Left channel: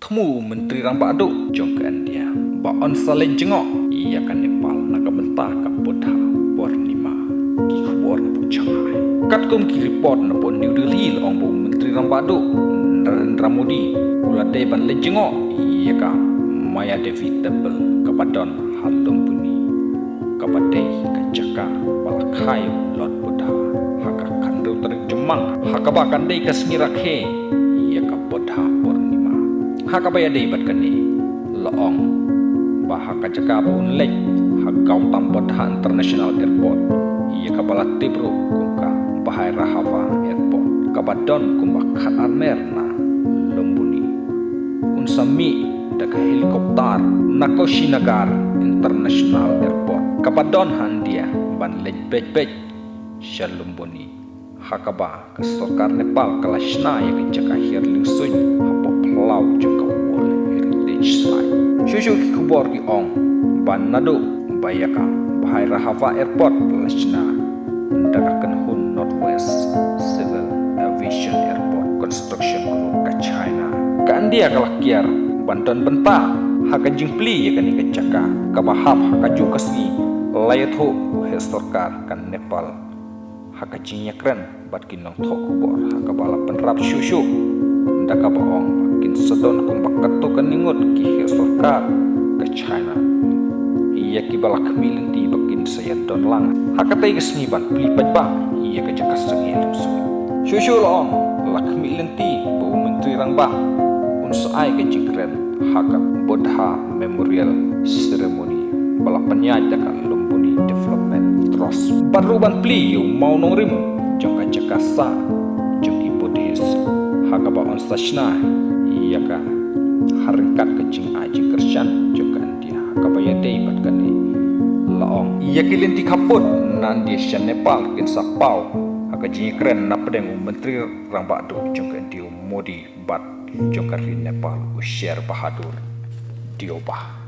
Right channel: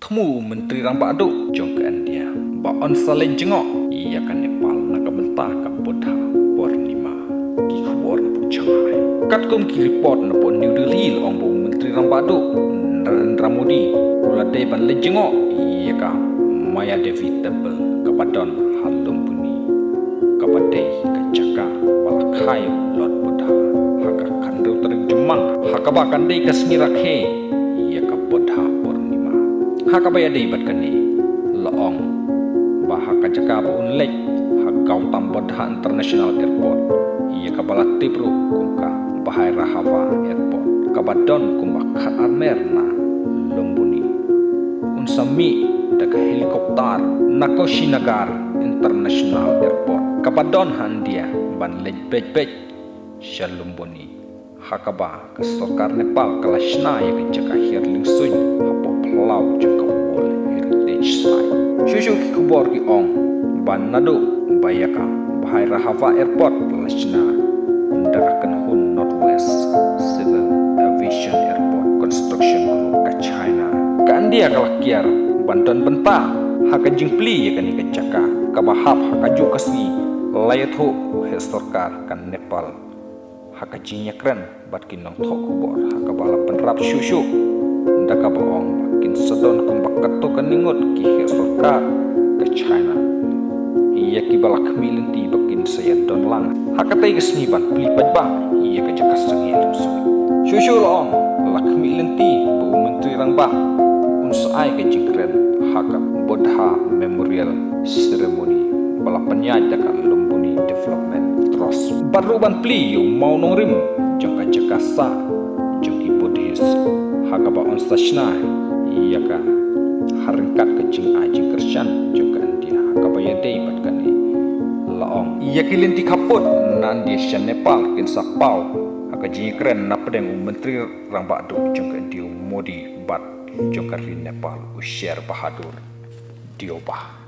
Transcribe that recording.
Temu Menteri Rambak Aduk jong ke India. Ba on salin jengok ia kan Nepal nak bentah ka Buddha Purnima ki khbor na pu Shanghai. Kat kom ki report na pu New Delhi ong bu Menteri Rambak Aduk Narendra Modi ula de ban le jengok ia ka Maya Devi Temple ka Badon Halum Buni ka Badai ka Jaka Balakhai Lord Buddha haka kandau tarik jemang haka ba kandai ka smirakhe ia ka Buddha Purnima haka ba ya dei bat kani laong bahaka Jaka pun lek hagau tam Buddha International Airport ia ka balat tibru kumka bahai Rahava Airport ka Badon kumba khat armer na Lumbuni unsami dak helikopter Nakoshinagar International Airport ka Badon handia ban lej bej Shalumbuni hakaba ke Sarkar Nepal kalashna ya ke Jaka hirling sun hapo plau jengka World Heritage Site shushu ki khubor ki ong ban nadu bayaka bahai Rahava Airport kalashna ndakakan hun Northwest Civil Aviation Airport Construction Group ka China ka India kalakiar bantuan benta haka jingpli ya kani ke Jaka ka bahap haka jukasni layatho he Sarkar kan Nepal haka jinya keren bat kinong thok kubor haka bala penrap shushu ndaka baong kin sedon kumbakat to kaningot ki he Sarkar ke China iya ki bala kemilin ti bakin saya don lang haka tai gesni ban plipat ba iya ka Jaka sengil shushu long la kemilin ti bu menteri rang ba unsai ke jingkren haka Buddha Memorial Ceremony bala penyaj Jaka Lumbuni Development Trust baru ban pli yu mau nongrim jangka Jaka sa jangki Buddhis haka ba on sashna iya ka haringkat ke jing aji Krisyan jangka India haka ba ya dei bat kani laong iya kilin ti kaput nan di Nepal kin sapau haka jing keren na pedeng menteri Rambak Aduk jangka India Modi bat jangka Nepal usyar bahadur diobah